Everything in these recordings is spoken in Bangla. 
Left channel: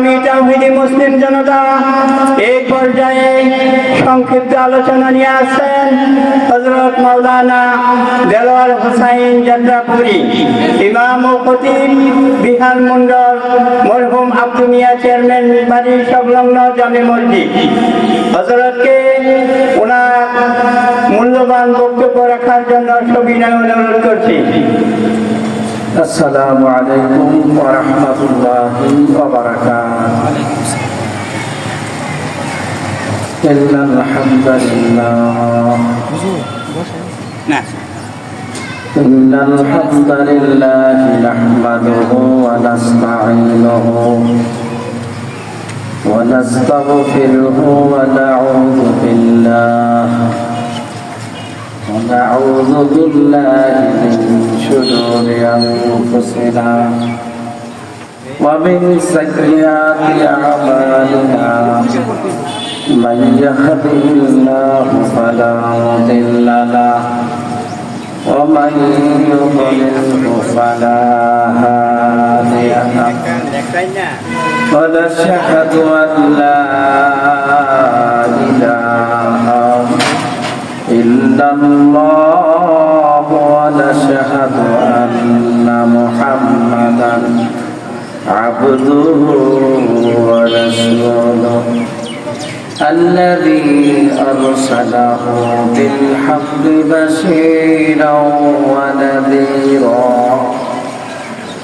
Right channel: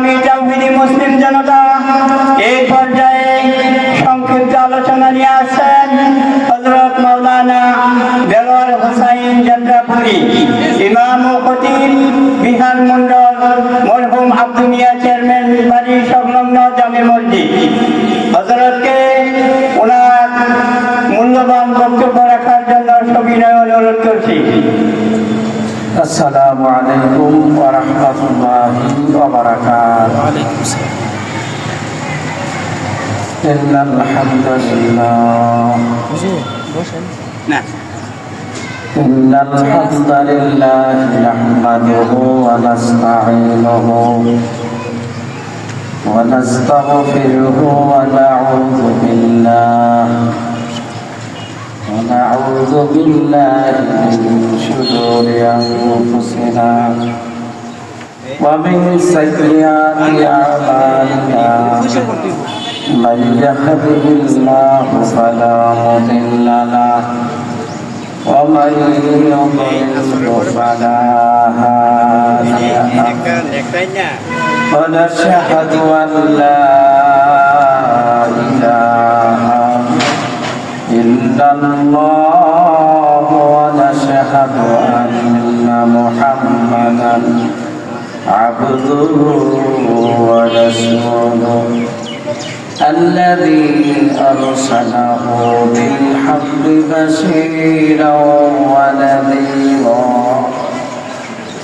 মুসলিম জনতা এই পর্যায়ে সংক্ষিপ্ত আলোচনা নিয়ে আসছেন হযরত মাওলানা দেলোয়ার হোসাইন যাত্রাপুরী, ইমাম ও খতিব বিহার মন্ডল মরহুম আব্দুল মিয়া চেয়ারম্যান বাড়ি সংলগ্ন জামে মসজিদ। হযরতকে ওনার মূল্যবান বক্তব্য রাখার জন্য সবিনয় অনুরোধ করছি। আসসালামু আলাইকুম ওয়া রাহমাতুল্লাহি ওয়া বারাকাতুহু। ইন্নাল হামদালিল্লাহ নাহমাদুহু ওয়া নাস্তাঈনুহু ওয়া নাস্তাগফিরুহু ওয়া نعوذ بالله من شرور أنفسنا ومن سيئات أعمالنا من يهده الله فلا مضل له ومن يضلل فلا هادي له ونشهد أن لا إله إلا الله ونشهد أن محمدا عبده ورسوله الذي أرسله بالحق بشيرا ونذيرا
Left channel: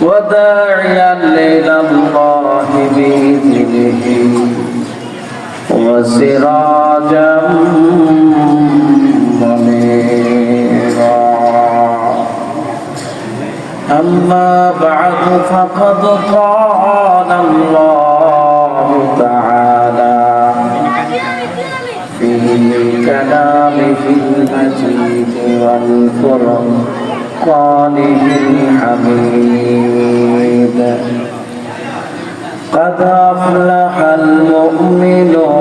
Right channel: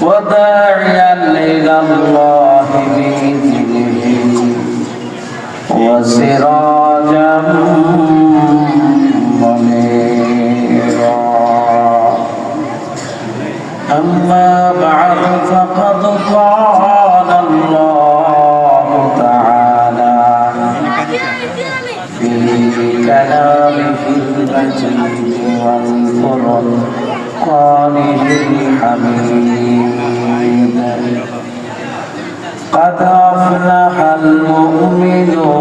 وداعيا إلى الله بإذنه وسراجا فقد قال الله تعالى في كلامه المجيد والفرقانه الحميد قد أفلح المؤمنون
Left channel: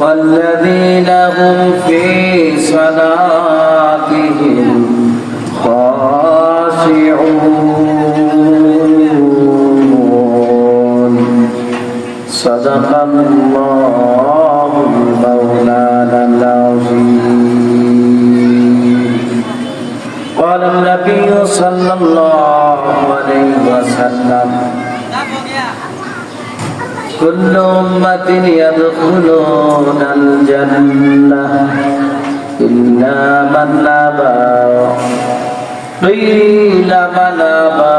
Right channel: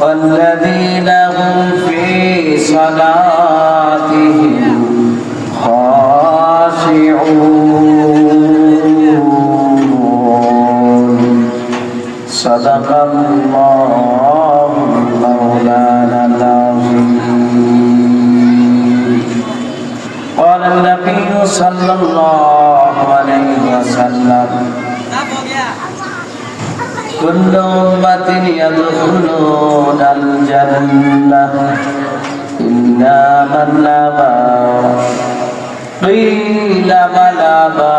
والذين هم في صلاتهم خاشعون صدق الله مولانا العظيم. قال النبي صلى الله عليه وسلم كل أمة يدخلون الجنة إلا من أبى قيل من أبى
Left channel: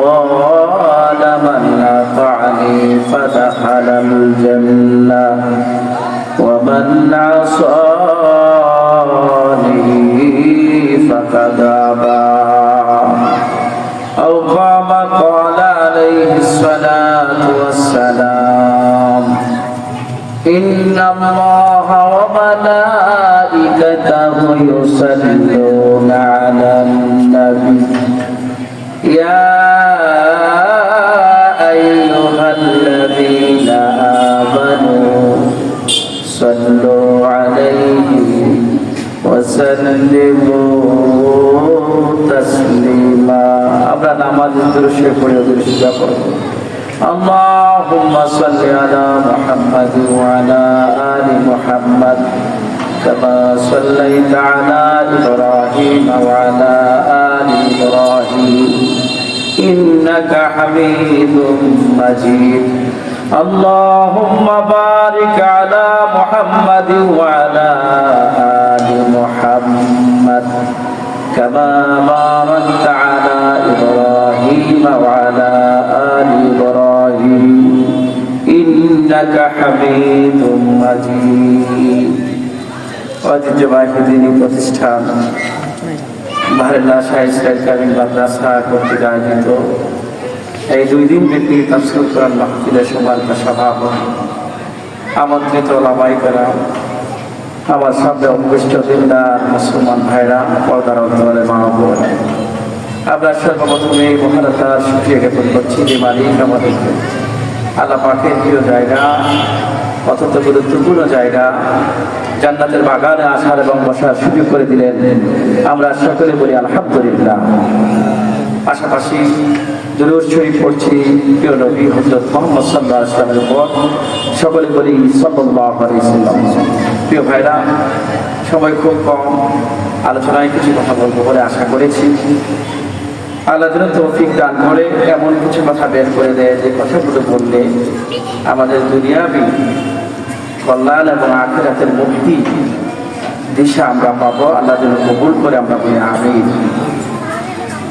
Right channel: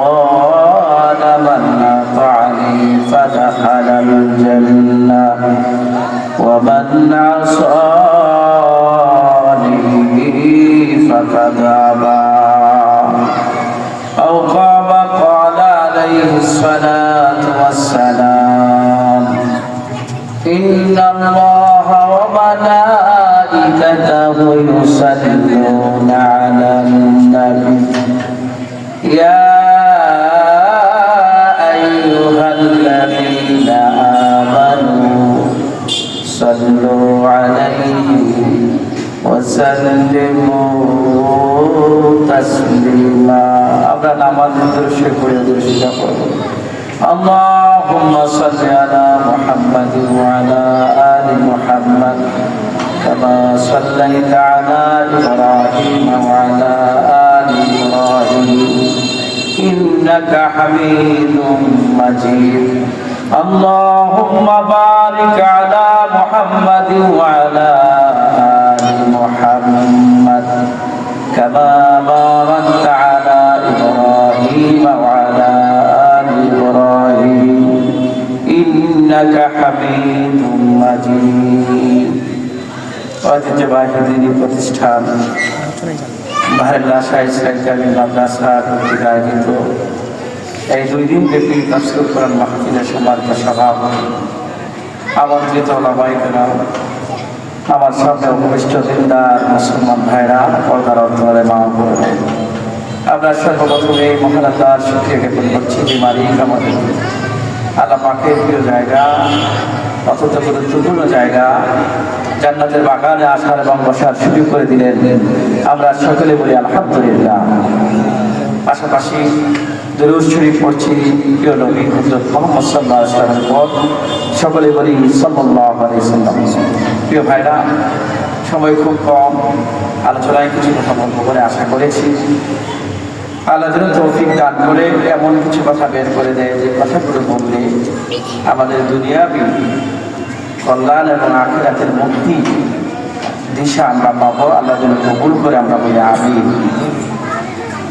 قال من أطعني فدخل الجنة ومن عصاني فقد أبى أو قال عليه الصلاة إن الله وملائكته يصلون على النبي يا أيها الذين آمنوا صلوا عليه وسلموا تسليما. আমরা নামাজের দৃশ্যে পড়ে দৃশ্যটা করব। اللهم صل على محمد وعلى آل محمد كما صليت على إبراهيم وعلى آل إبراهيم إنك حميد مجيد. اللهم بارك على محمد وعلى آل محمد كما باركت على إبراهيم وعلى آل إبراهيم إنك حميد مجيد. ঐতিহ্যবাহী দিনী প্রতিষ্ঠান মাহল্লা শাহী সরকারি মাদ্রাসা কর্তৃক আয়োজিত এই 2 দিন ব্যাপী তাফসীর কোরআন মাহফিলের সম্মানিত সভাপতি আমন্ত্রিত ওলামায়ে কেরাম, আমার সামনে উপবিষ্ট দিনদার মুসলমান ভাইরা, পর্দার আড়ালে মা ও বোন, আমরা সর্বপ্রথমে মহানতার শুকরিয়া জ্ঞাপন করছি যে মালিক আমাদের আল্লাহ পাকের প্রিয় জায়গা, অত্যন্ত গুরুত্বপূর্ণ জায়গা জান্নাতের বাগানে আসার এবং বসার সুযোগ করে দিলেন। আমরা সকলে বলি আলহামদুলিল্লাহ। পাশাপাশি দুরূদ শরীফ পড়ছি প্রিয় নবী হযরত মুহাম্মদ সাল্লাল্লাহু আলাইহি ওয়াসাল্লামের উপর, সকলে বলি সাল্লাল্লাহু আলাইহি ওয়াসাল্লাম। প্রিয় ভাইরা, সময় খুব কম, আলোচনায় কিছু কথা বলবো বলে আশা করেছি। আল্লাহ যেন তৌফিক দান করে এমন কিছু কথা বের করে দেয় যে কথাগুলো বললে আমাদের দুনিয়াবি কল্যাণ এবং আখিরাতের মুক্তি দিশা আমরা পাবো। আল্লাহ যেন কবুল করে আমরা বলি আমিন।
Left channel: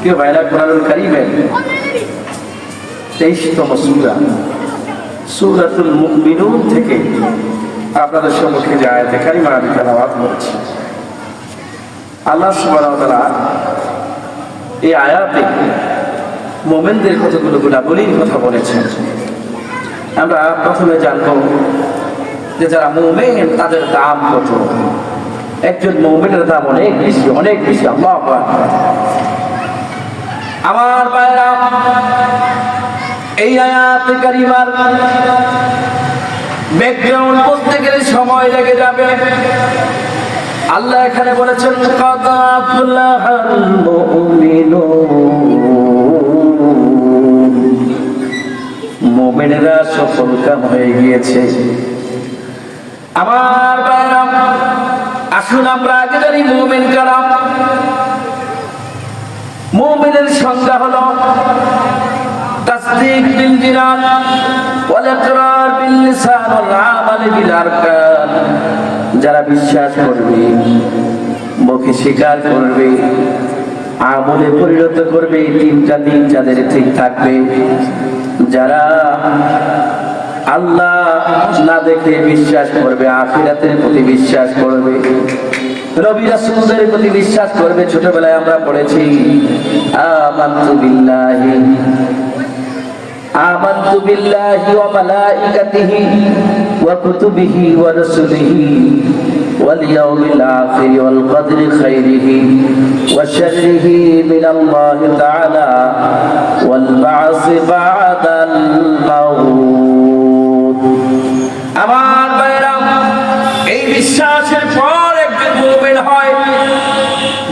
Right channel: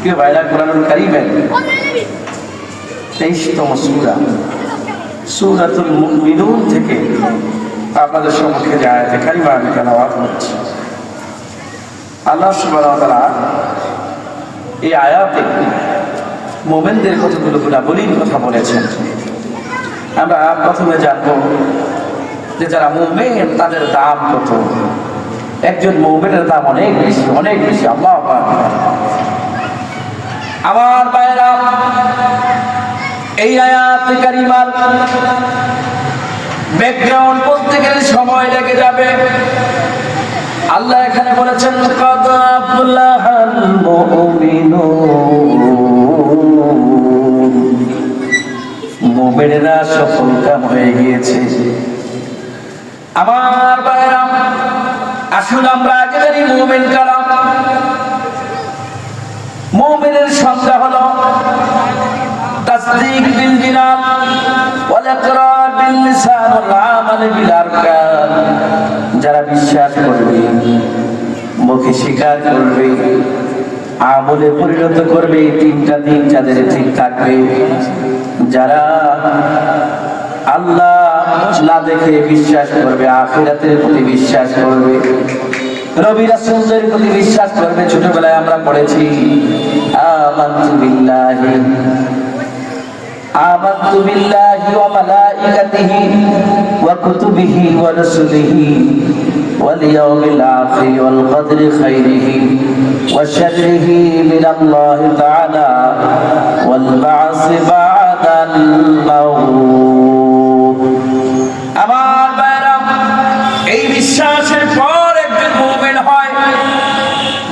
প্রিয় ভাইরা, কোরআনুল কারীমের 23তম সূরা সূরাতুল মুমিনুন থেকে আপনাদের সম্মুখে যে আয়াতে কারিমা আমি তেলাওয়াত করছি, আল্লাহ সুবহানাহু ওয়া তাআলা এই আয়াতে মুমিনদের কতগুলো গুণাবলীর কথা বলেছেন। আমরা প্রথমে জানবো যে যারা মুমিন তাদের দাম কত। একজন মুমিনের দাম অনেক বেশি, অনেক বেশি। আল্লাহু আকবার। আমার ভাইরা, এই আয়াতে কারিমার ব্যাকগ্রাউন্ড বলতে গেলে সময় লেগে যাবে। আল্লাহ এখানে বলেছেন কাদ আফলাহাল মুমিনুন, মুমিনরা সফলকাম হয়ে গিয়েছে। আমার ভাইরা, আসুন আমরা আগে জানি মুমিন কারা। মুমিনের সংজ্ঞা হলো তাসদীক বিল জিনান ওয়াল ইকরার বিল লিসান ওয়াল আমাল বিল আরকান। যারা বিশ্বাস করবে, মুখে স্বীকার করবে, আমলে পরিণত করবে, তিনটা দিন যাদের ঠিক থাকবে। যারা আল্লাহ না দেখে বিশ্বাস করবে, আখিরাতের প্রতি বিশ্বাস করবে, নবী রাসূলদের প্রতি বিশ্বাস করবে। ছোটবেলায় আমরা পড়েছি আমানতু বিল্লাহি ওয়া মালাইকাতিহি ওয়া কুতুবিহি ওয়া রাসূলিহি ওয়াল ইয়াউমিল আখির ওয়াল কদরি খাইরিহি ওয়া শাররিহি মিনাল্লাহি তাআলা ওয়াল বা'সি বা'দাল মাউত। আমার ভাইরা, এই বিশ্বাসের পর একজন মুমিন হয়।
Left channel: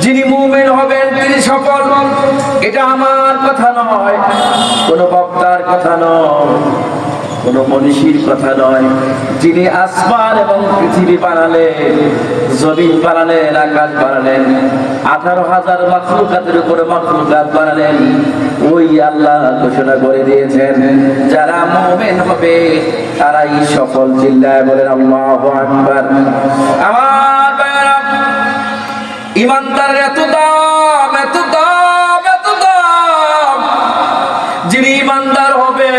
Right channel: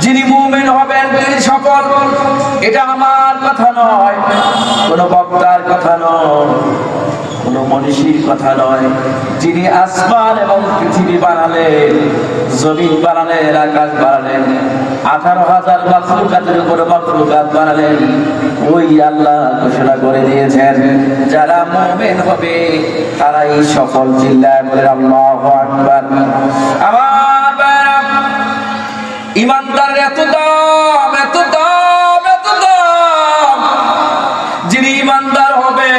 যিনি মুমিন হবেন তিনি সকল, এটা আমার কথা নয়, কোন বক্তার কথা নয়, কোন মনীষীর কথা নয়। যিনি আসমান এবং পৃথিবী বানালেন, জমিন বানালেন, আকাশ বানালেন, 18,000 মাখলুকাতের উপরে মাখলুকাত বানালেন, ওই আল্লাহ ঘোষণা করে দিয়েছেন যারা মুমিন হবে তারাই সফল। চিল্লায় বলে আল্লাহু আকবার। আমার ভাইরা, ইমানদারের এত দাম, এত দাম, এত দাম। যিনি ইমানদার হবে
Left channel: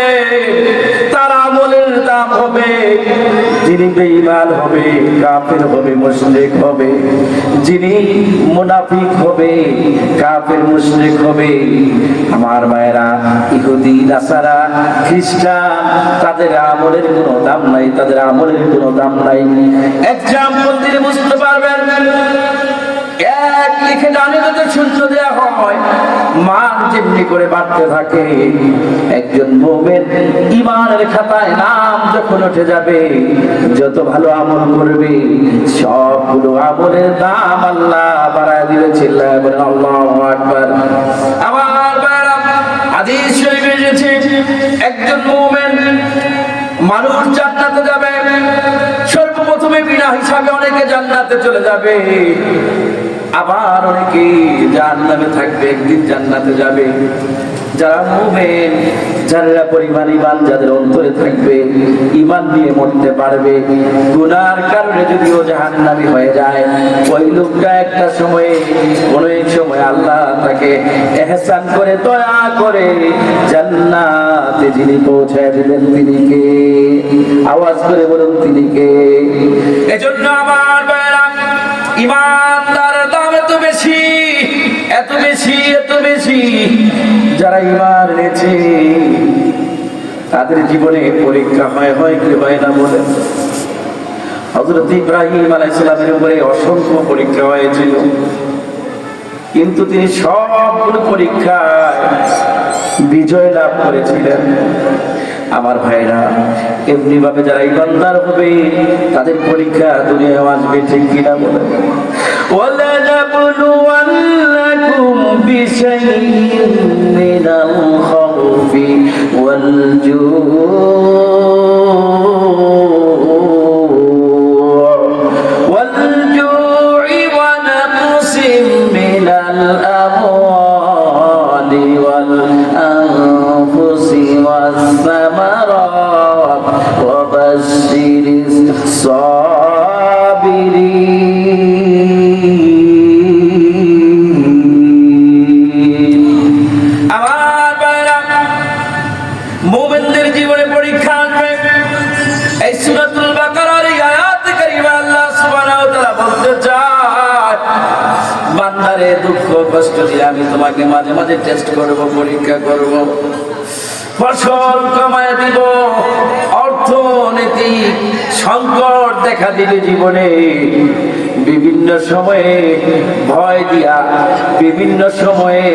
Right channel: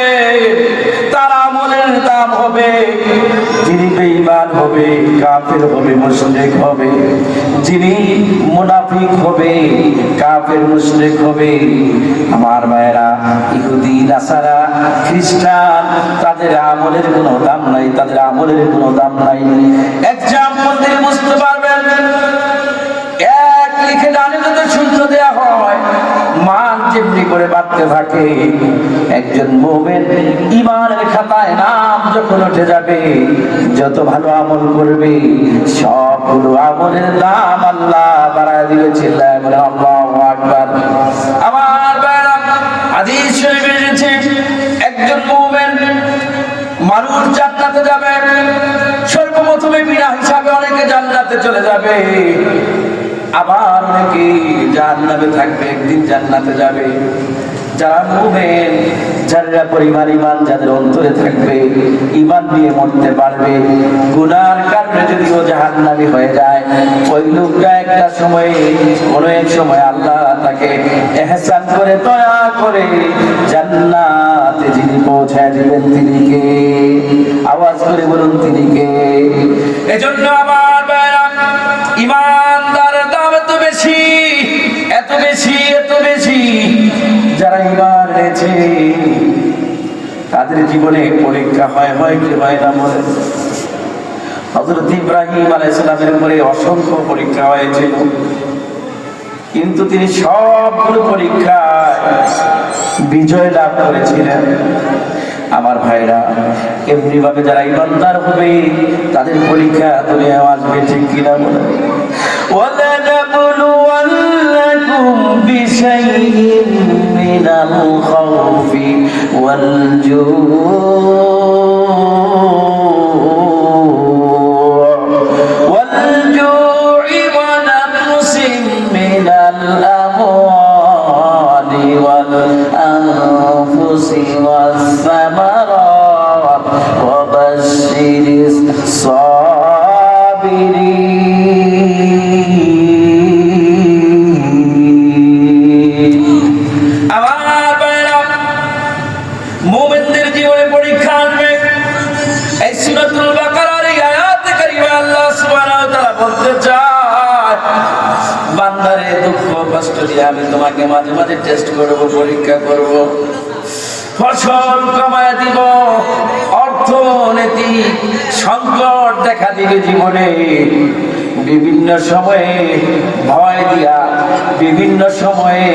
তার আমলের দাম হবে। যিনি বেঈমান হবে, কাফের হবে, মুশরিক হবে, যিনি মুনাফিক হবে, কাফের মুশরিক হবে। আমার ভাইরা, ইহুদি, নাসারা, খ্রিস্টান, তাদের আমলের কোনো দাম নাই, তাদের আমলের কোনো দাম নাই। এক্সাম্পল দিয়ে বুঝতে পারবেন। এক লিখে ডানে যদি শূন্য দেয়া হয়, মান যেমনি করে বাড়তে থাকে। একজন মুমিন ঈমানের খাতায় নাম যখন উঠে যাবে, যত ভালো আমল করবে সবগুলো আমলের দাম আল্লাহ বাড়ায় দিবে। চিল্লায় বলে আল্লাহু আকবার। আমার ভাইরা, হাদিস শরীফে এসেছে একজন মুমিন মানুষ জান্নাতে যাবে। সর্বপ্রথমে বিনা হিসাবে অনেকে জান্নাতে চলে যাবে, আবার অনেকে জাহান্নামে থাকবে, একদিন জান্নাতে যাবে। যারা মুমিন, যারা পরিমাণ ঈমান যাদের অন্তরে থাকবে, ঈমান দিয়ে মরতে পারবে, গুনার কারণে যদিও জাহান্নামী হয়ে যায়, ওই লোকটা একটা সময়ে, কোনো এক সময় আল্লাহ তাকে ইহসান করে, দয়া করে জান্নাতে যিনি পৌঁছায় দিবেন তিনি কে? আওয়াজ করে বলুন তিনি কে? এজন্য আমার ভাইরা, ঈমানদারের দাম এত বেশি, এত বেশি, এত বেশি। যারা ঈমান এনেছে তাদের জীবনে পরীক্ষা হয় কি হয় না বলেন? হযরত ইব্রাহিম আলাইহিস সালামের উপরে অসংখ্য পরীক্ষা হয়েছিল, কিন্তু তিনি সবগুলো পরীক্ষায় বিজয় লাভ করেছিলেন। আমার ভাইরা, এমনি ভাবে যারা ইমানদার হবে তাদের পরীক্ষা দুনিয়ায় আসবে, ঠিক কিনা বলেন? وَلَنَبْلُوَنَّكُمْ بِشَيْءٍ مِّنَ الْخَوْفِ وَالْجُوعِ وَنَقْصٍ مِّنَ الْأَمْوَالِ وَالْأَنفُسِ وَالثَّمَرَاتِ وَبَشِّرِ الصَّابِرِينَ। আমার ভাইরা, মুমিনদের জীবনে পরীক্ষা আসবে। এই সূরাতুল বাকারার এই আয়াতে কারিমা আল্লাহ সুবহানাহু ওয়া তাআলা বলতে চায়, বান্দারে দুঃখ কষ্ট দিয়ে আমি তোমাকে মাঝে মাঝে টেস্ট করব, পরীক্ষা করব, ফসল কমায় দিব, অর্থনৈতিক সংকট দেখা দিবে জীবনে, বিভিন্ন সময়ে ভয় দিয়া, বিভিন্ন সময়ে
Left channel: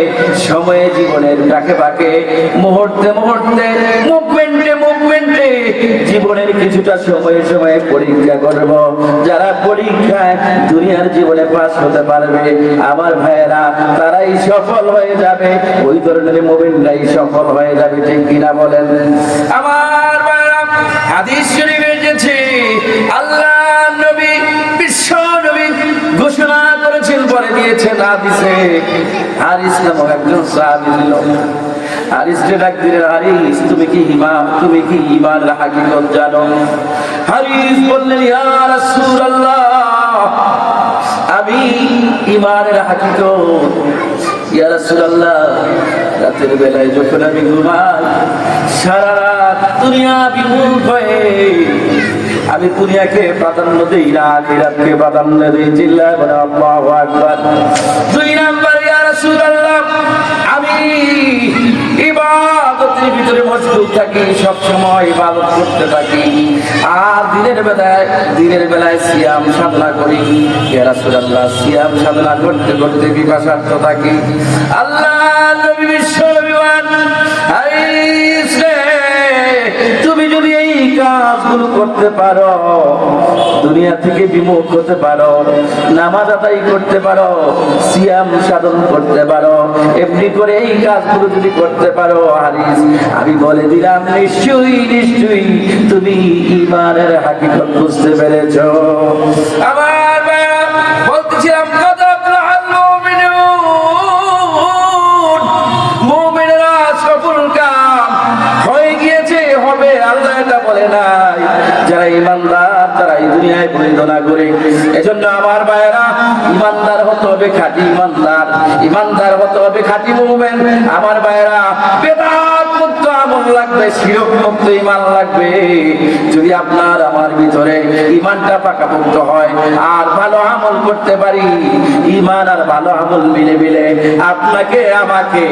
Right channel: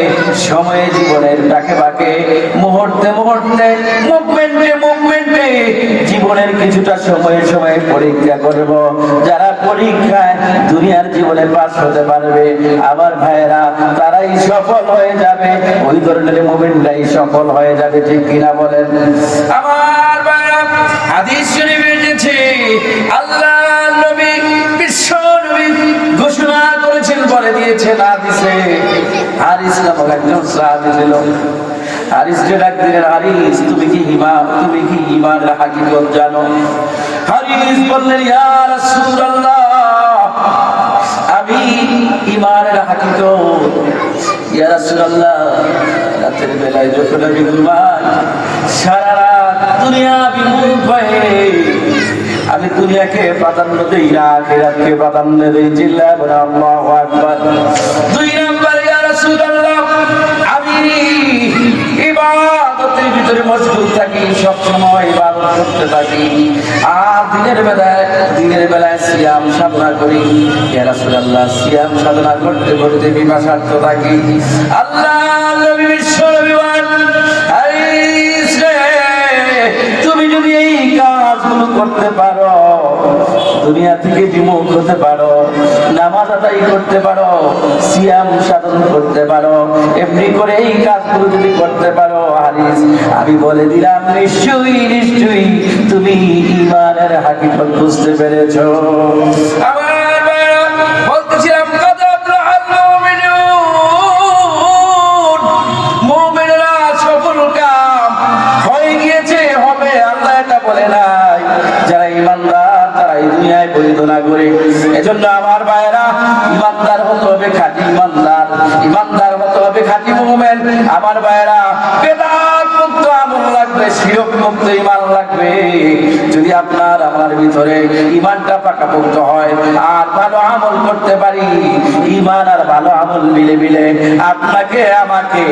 সময়ে জীবনের ডাকে বাকে, মুহূর্তে মুহূর্তে, মুভমেন্টে জীবনের কিছুটা সময়ে সময়ে পরীক্ষা করব। যারা পরীক্ষায় দুনিয়ার জীবনে পাস হতে পারবে আমার ভাইয়েরা, তারাই সফল হয়ে যাবে। ওই ধরনের মুভমেন্টটাই সফল হয়ে যাবে, ঠিক কিনা বলেন? আমার ভাইয়েরা, হাদিস শরীফে এসেছে আল্লাহ নবী, বিশ্ব নবী ঘোষণা করেছেন, বলে দিয়েছেন হাদিসে। হারিস নামক একজন সাহাবী ছিল। হারিসকে ডাক দিলেন, হারিস তুমি কি ঈমানের হাকিকত জানো? হারিস বললেন, ইয়া রাসূলুল্লাহ, আমি ঈমানের হাকিকত, ইয়া রাসূলুল্লাহ, রাতের বেলায় যখন আমি ঘুমাই, সারা রাত দুনিয়া বিমুখ হয়ে আমি দুনিয়াকে প্রাধান্য দেই না, আখিরাতকে প্রাধান্য দেই। চিল্লায় বলেন আল্লাহু আকবার। দুই নাম্বার, ইয়া রাসূলুল্লাহ, আমি ইবাদতের ভিতরে মশগুল থাকি, সব সময় ইবাদত করতে থাকি, আর দিনের বেলায় সিয়াম সাধনা করি। ইয়া রাসূলুল্লাহ, সিয়াম সাধনা করতে করতে বিপাশার্থ থাকি। আল্লাহ নবী বিশ্ব নবী বলেন, হারিস রে, তুমি যদি এই কাজগুলো করতে পারো, দুনিয়া থেকে বিমুখ হতে পারো, নামাজ আদায় করতে পারো, সিয়াম সাধন করতে পারো, এমনি করে এই কাজগুলো যদি করতে পারো, হারিস, আমি বলে দিলাম নিশ্চয়ই তুমি ঈমানের হাকিকত বুঝতে পেরেছো। আমার ভাইরা, বলতেছিলাম কদ আফলাহাল মুমিনুন, মুমিনরা সফল কাম হয়ে গিয়েছে, হবে, আল্লাহ এটা বলে নাই। যারা ঈমানদার তারা এই দুনিয়ায় পরিচালনা করে। এজন্য আমার ভাইরা, ঈমানদার হতে হবে, খাঁটি ঈমানদার হতে হবে, খাঁটি মুমিন। আমার ভাইরা, বেদাত মুক্ত আমল লাগবে, শিরক মুক্ত ঈমান লাগবে। যদি আপনার আমার ভিতরে ঈমানটা পাকাপোক্ত হয় আর ভালো আমল করতে পারি, ঈমান আর ভালো আমল মিলে আপনাকে আমাকে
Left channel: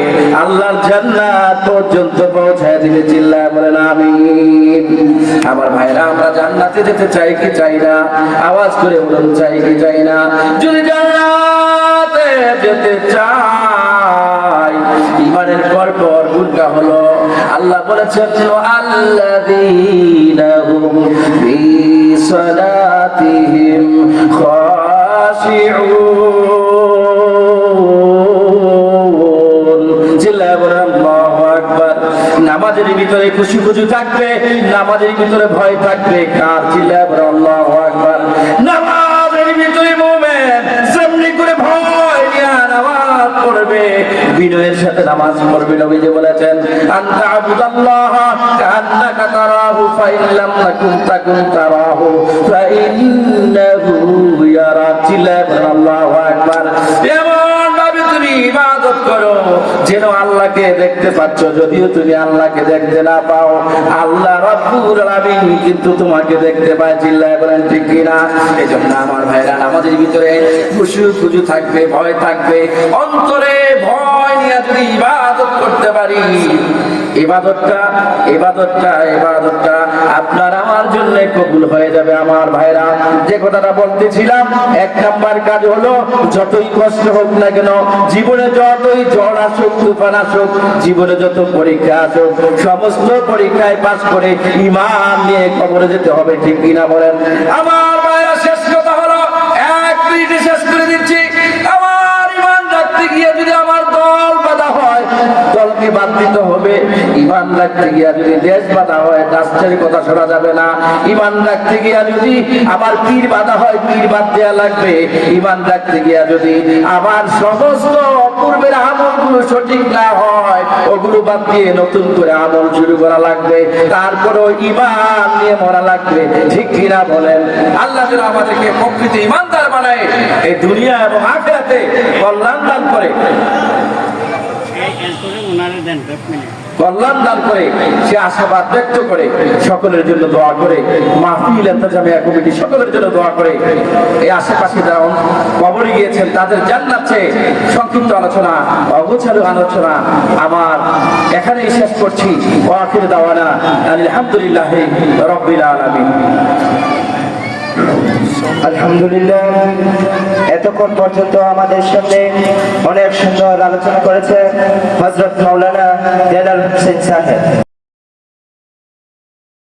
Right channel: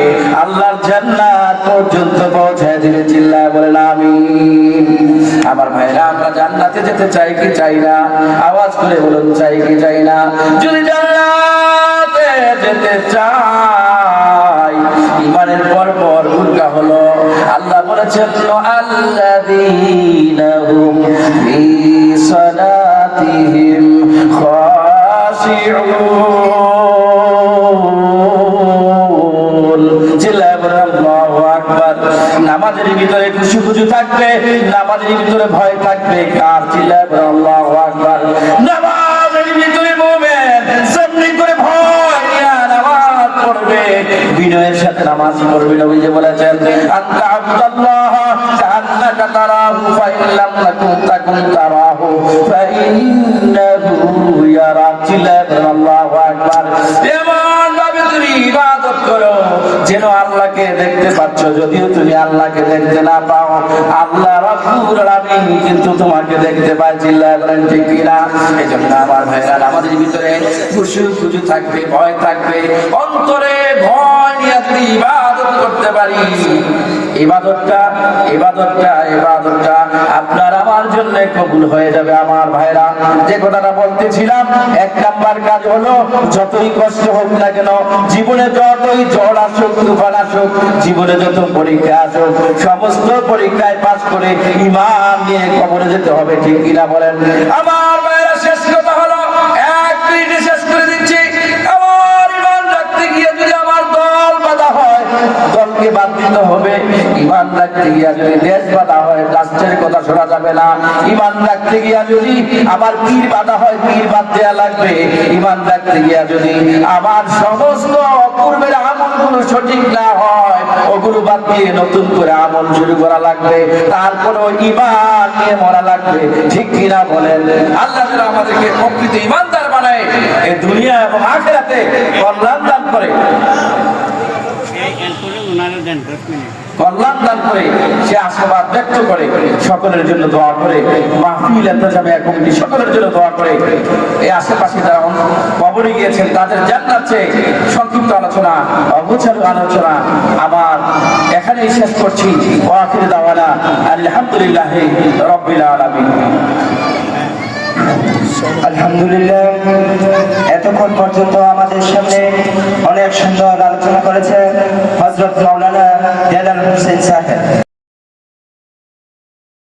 আল্লাহর জান্নাত পর্যন্ত পৌঁছায় দিবে। চিল্লায় বলেন আমিন। আমার ভাইরা, আমরা জান্নাতে যেতে চাই কি চাই না? আওয়াজ করে বলুন, চাই কি চাই না? যদি জান্নাতে যেতে চাই, ঈমানের পর উল্টা হলো। আল্লাহ বলেছেন, আল্লাযীনা হুম ফি সালাতিহিম খাশিউন। জিল্লাহ বলেন আল্লাহু আকবার। নামাজের ভিতরে খুশু থাকবে, নামাজের ভিতরে ভয় থাকবে, কার? জিল্লাহ বলেন আল্লাহু আকবার। নামাজের ভিতরে মুমিন যেমনি করে ভয় নিয়ে নামাজ পড়বে, বিনয়ের সাথে নামাজ পড়বে। নবীজি বলেছেন, আনতা আবুদাল্লাহ কান্নাকা তারাহু ফাইন লাম তাকুন তারাহু ফাইন্নাহু ইয়ারা। জিল্লাহ বলেন আল্লাহু আকবার। এমন ভাবে তুমি ইবাদত করো যেন আল্লাহকে দেখতে পাচ্ছ, যদিও তুমি আল্লাহকে দেখতে না পাও, আল্লাহ রাব্বুল আলামিন কিন্তু তোমাকে দেখতে পায়। চিল্লায় বলেন ঠিক কিনা? এইজন্য আমার ভাইরা, নামাজের ভিতরে খুশু থাকবে, ভয় থাকবে, অন্তরে ভয় নিয়ে যদি ইবাদত করতে পারি, ইবাদতটা আপনার আমার জন্যই কবুল হয়ে যাবে। আমার ভাইরা, যে কথাটা বলতেছিলাম, 1 নাম্বার কাজ হলো যতই কষ্ট হোক না কেন, জীবনে যতই ঝড় আসুক, তুফান আসুক, জীবনে যত পরীক্ষা আসুক, সমস্ত পরীক্ষায় পাস করে ঈমান নিয়ে কবরে যেতে হবে। ঠিক কিনা বলেন? আমার ভাইরা, শেষ কথা হলো, 1 মিনিটে শেষ করে দিচ্ছি। আমার ঈমান রাখতে গিয়ে যদি আমার দল বাঁধা হয়, দলকে বাদ দিতে হবে। ঈমান রাখতে গিয়ে যদি দেশ বাঁধা হয়, রাষ্ট্রের কথা শোনা যাবে না। ঈমান রাখতে গিয়ে যদি আমার পীর বাঁধা হয়, পীর বাদ দেওয়া লাগবে। ঈমান রাখতে গিয়ে যদি আমার সমস্ত পূর্বের আমলগুলো সঠিক না হয়, ওগুলো বাদ দিয়ে নতুন করে আমল শুরু করা লাগবে। তারপরেও ঈমান নিয়ে মরা লাগবে। ঠিক কিনা বলেন? আল্লাহ যেন আমাদেরকে প্রকৃত ঈমানদার বানায়, এই দুনিয়া এবং আখিরাতে কল্যাণ দান করে, কল্যাণ দান করে, সে আশাবাদ ব্যক্ত করে। সকলের জন্য দোয়া করে, মাহফিল ইন্তেজামিয়া কমিটি সকলের জন্য দোয়া করে। এই আশেপাশে যারা কবরে গিয়েছেন তাদের জান্নাত চেয়ে সংক্ষিপ্ত আলোচনা, অগোছালো আলোচনা আমার এখানেই শেষ করছি। ওয়া আখিরু দাওয়ানা আলহামদুলিল্লাহি রাব্বিল আলামিন। আলহামদুলিল্লাহ, এতক্ষণ পর্যন্ত আমাদের সামনে অনেক সুন্দর